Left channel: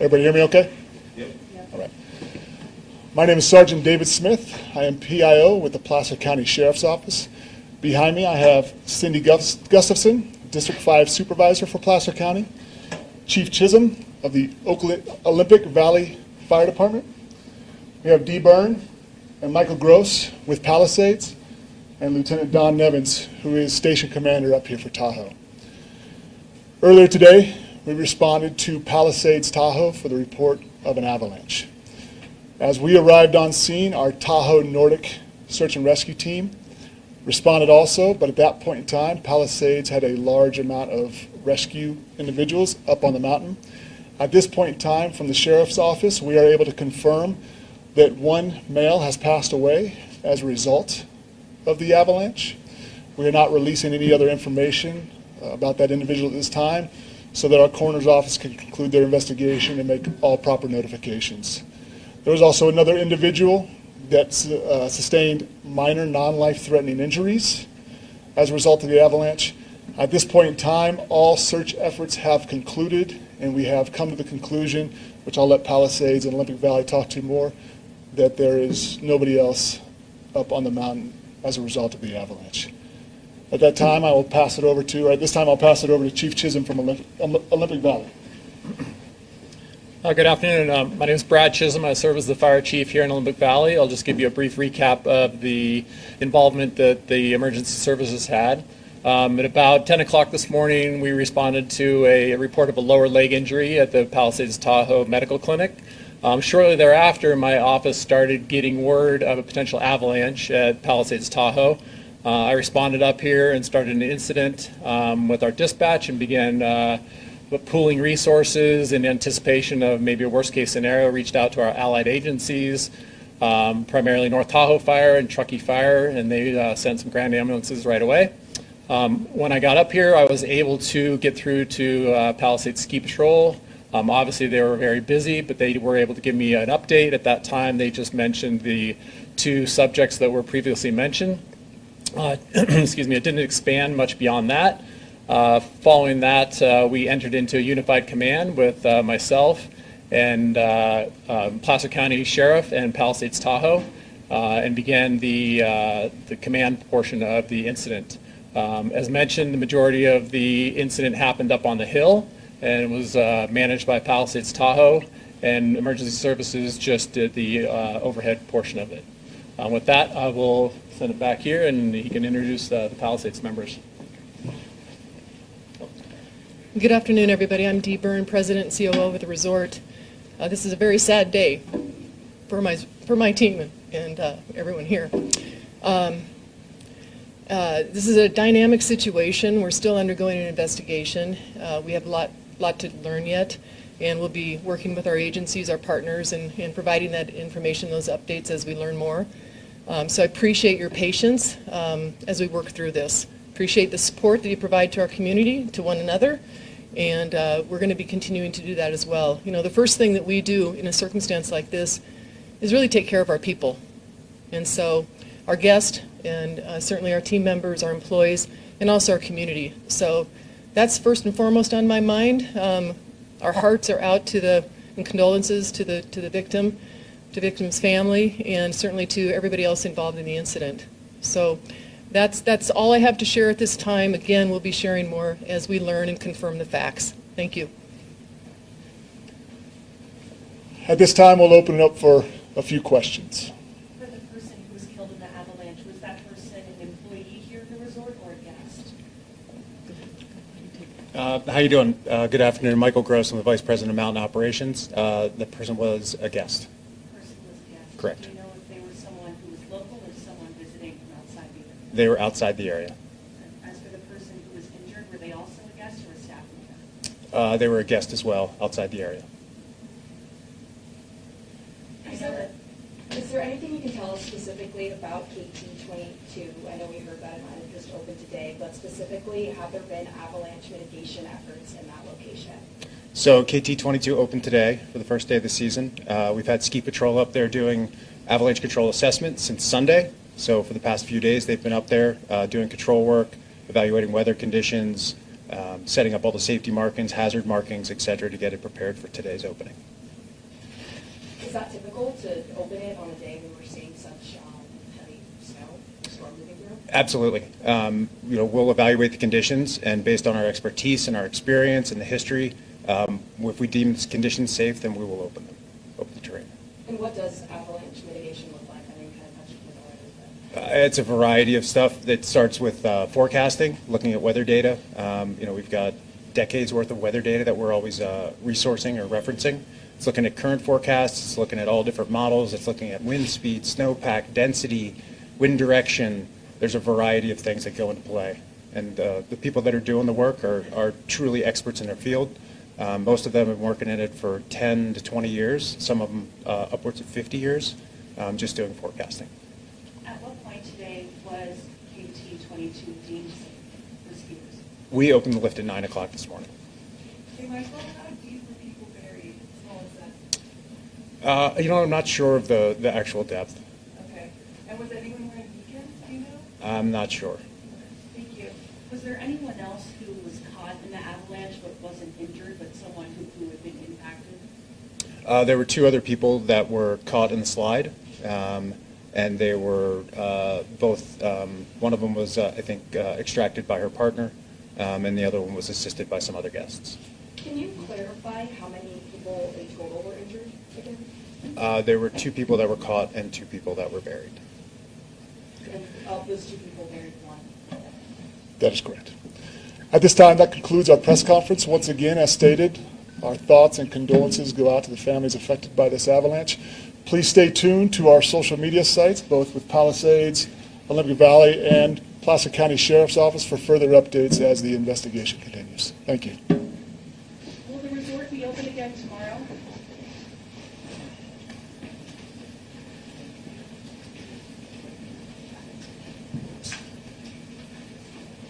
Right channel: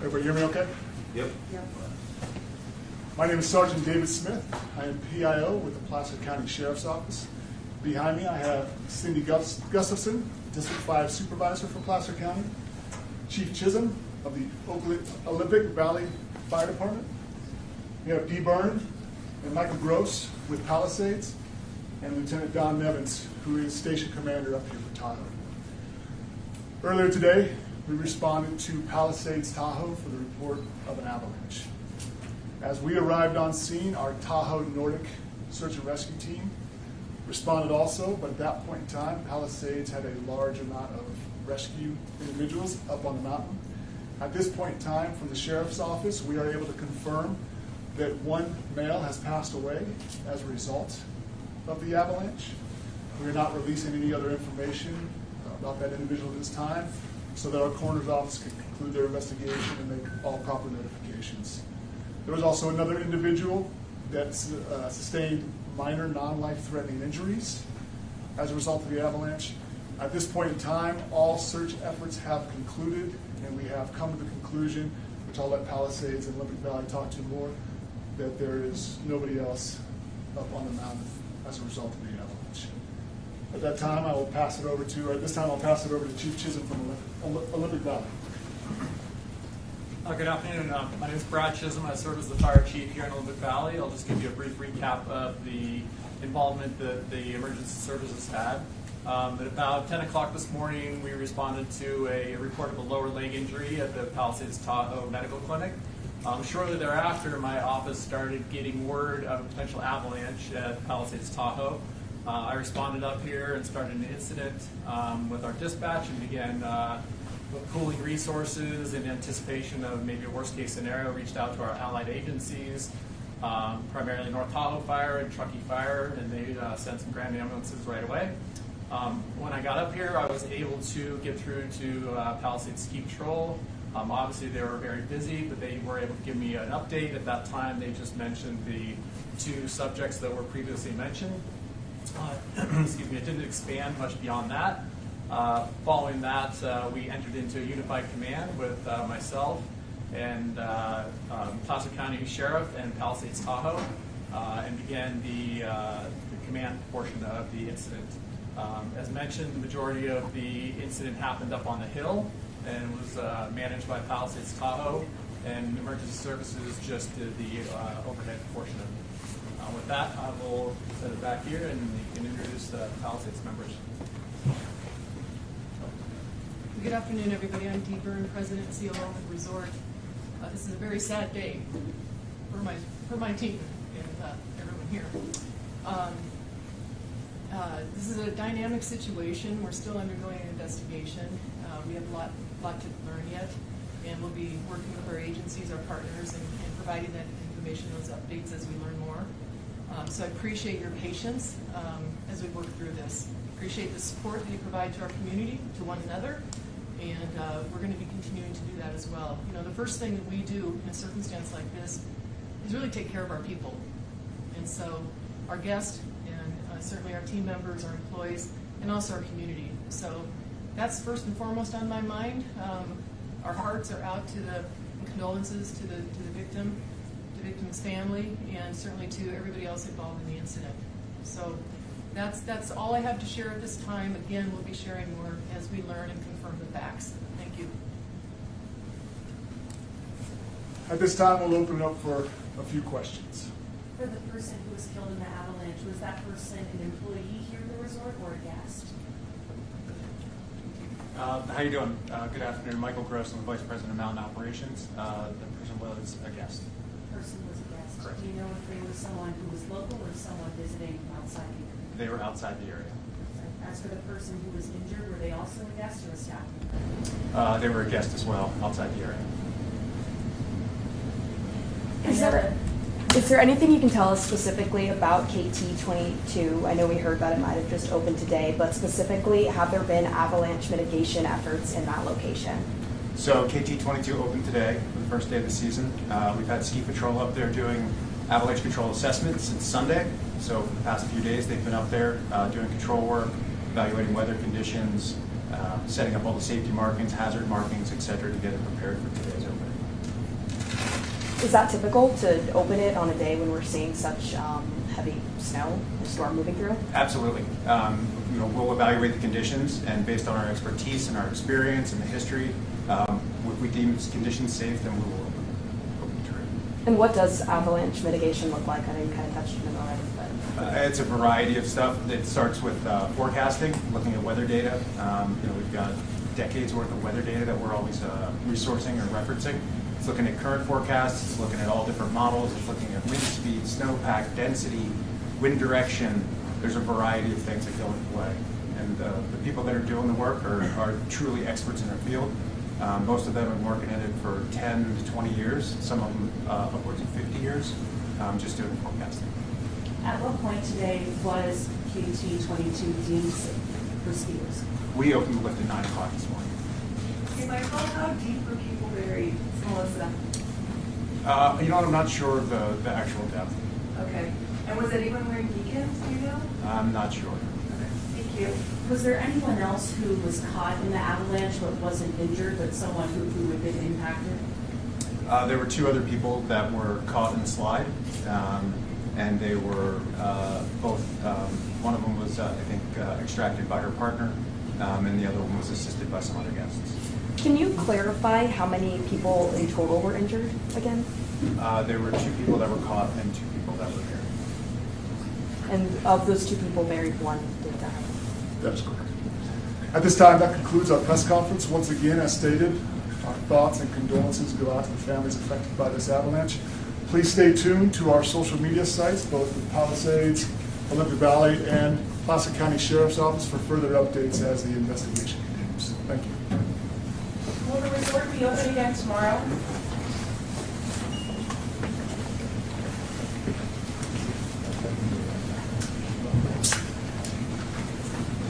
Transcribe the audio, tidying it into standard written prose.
Everybody hear me okay? Yep. All right. My name is Sergeant David Smith. I am PIO with the Placer County Sheriff's Office. Behind me I have Cindy Gustafson, District 5 Supervisor for Placer County, Chief Chisholm of the Olympic Valley Fire Department. We have Dee Byrne and Michael Gross with Palisades, and Lieutenant Don Nevins, who is Station Commander up here for Tahoe. Earlier today, we responded to Palisades, Tahoe for the report of an avalanche. As we arrived on scene, our Tahoe Nordic search and rescue team responded also, but at that point in time, Palisades had a large amount of rescue individuals up on the mountain. At this point in time, from the Sheriff's Office, we are able to confirm that one male has passed away as a result of the avalanche. We are not releasing any other information about that individual at this time, so that our coroner's office can conclude their investigation and make all proper notifications. There was also another individual that sustained minor non-life-threatening injuries as a result of the avalanche. At this point in time, all search efforts have concluded, and we have come to the conclusion, which I'll let Palisades and Olympic Valley talk to more, that there is nobody else up on the mountain as a result of the avalanche. At that time, I will pass it over to Chief Chisholm from Olympic Valley. Good afternoon. My name is Brad Chisholm. I serve as the fire chief here in Olympic Valley. I'll just give you a brief recap of the involvement that the emergency services had. At about 10 o'clock this morning, we responded to a report of a lower leg injury at the Palisades Tahoe Medical Clinic. Shortly thereafter, my office started getting word of a potential avalanche at Palisades Tahoe. I responded up here and started an incident with our dispatch and began pooling resources in anticipation of maybe a worst case scenario. Reached out to our allied agencies, primarily North Tahoe Fire and Truckee Fire, and they sent some grand ambulances right away. When I got up here, I was able to get through to Palisades Ski Patrol. Obviously they were very busy, but they were able to give me an update. At that time, they just mentioned the two subjects that were previously mentioned. Excuse me, it didn't expand much beyond that. Following that, we entered into a unified command with myself and Placer County Sheriff and Palisades Tahoe, and began the command portion of the incident. As mentioned, the majority of the incident happened up on the hill and was managed by Palisades Tahoe, and emergency services just did the overhead portion of it. With that, I will send it back here, and you can introduce the Palisades members. Good afternoon, everybody. I'm Dee Byrne, President and COO of the resort. This is a very sad day for my team and everyone here. This is a dynamic situation. We're still undergoing an investigation. We have a lot to learn yet, and we'll be working with our agencies, our partners, and providing that information, those updates as we learn more. So I appreciate your patience as we work through this. Appreciate the support that you provide to our community, to one another, and we're going to be continuing to do that as well. You know, the first thing that we do in a circumstance like this is really take care of our people. And so our guests and certainly our team members, our employees, and also our community. So that's first and foremost on my mind. Our hearts are out in condolences to the victim, to victim's family, and certainly to everybody else involved in the incident. So that's all I have to share at this time. Again, we'll be sharing more as we learn and confirm the facts. Thank you. At this time, we'll open it up for a few questions. For the person who was killed in the avalanche, was that person an employee here at the resort or a guest? How you doing? Good afternoon. Michael Gross. I'm the Vice President of Mountain Operations. The person was a guest. Person was a guest. Correct. Do you know if they were someone who was local or someone visiting from outside the area? They were outside the area. As for the person who was injured, were they also a guest or a staff member? They were a guest as well, outside the area. Is there anything you can tell us specifically about KT-22? I know we heard that it might have just opened today, but specifically, have there been avalanche mitigation efforts in that location? So KT-22 opened today for the first day of the season. We've had ski patrol up there doing avalanche control assessment since Sunday. So for the past few days, they've been up there doing control work, evaluating weather conditions, setting up all the safety markings, hazard markings, et cetera, to get it prepared for today's opening. Is that typical to open it on a day when we're seeing such heavy snow, storm moving through? Absolutely. We'll evaluate the conditions, and based on our expertise and our experience and the history, if we deem conditions safe, then we will open the terrain. And what does avalanche mitigation look like? I know you kind of touched on it already, but. It's a variety of stuff that starts with forecasting, looking at weather data. We've got decades worth of weather data that we're always resourcing or referencing. It's looking at current forecasts, it's looking at all different models, it's looking at wind speed, snowpack, density, wind direction. There's a variety of things that go into play. And the people that are doing the work are truly experts in their field. Most of them have been working in it for 10 to 20 years, some of them upwards of 50 years, just doing forecasting. At what point today was KT 22 deemed safe for skiers? We opened the lift at 9 o'clock this morning. Hey, Michael, how deep were people buried, Melissa? I'm not sure of the actual depth. Okay. And was anyone wearing beacons, do you know? I'm not sure. Thank you. Was there anyone else who was caught in the avalanche but wasn't injured, but someone who had been impacted? There were 2 other people that were caught in the slide, and they were both, one of them was, extracted by her partner, and the other one was assisted by some other guests. Can you clarify how many people in total were injured again? There were 2 people that were caught and 2 people that were buried. And of those 2 people buried, one did die. That is correct. At this time, that concludes our press conference. Once again, as stated, our thoughts and condolences go out to the families affected by this avalanche. Please stay tuned to our social media sites, both with Palisades, Olympic Valley, and Placer County Sheriff's Office for further updates as the investigation continues. Thank you. Will the resort be open again tomorrow?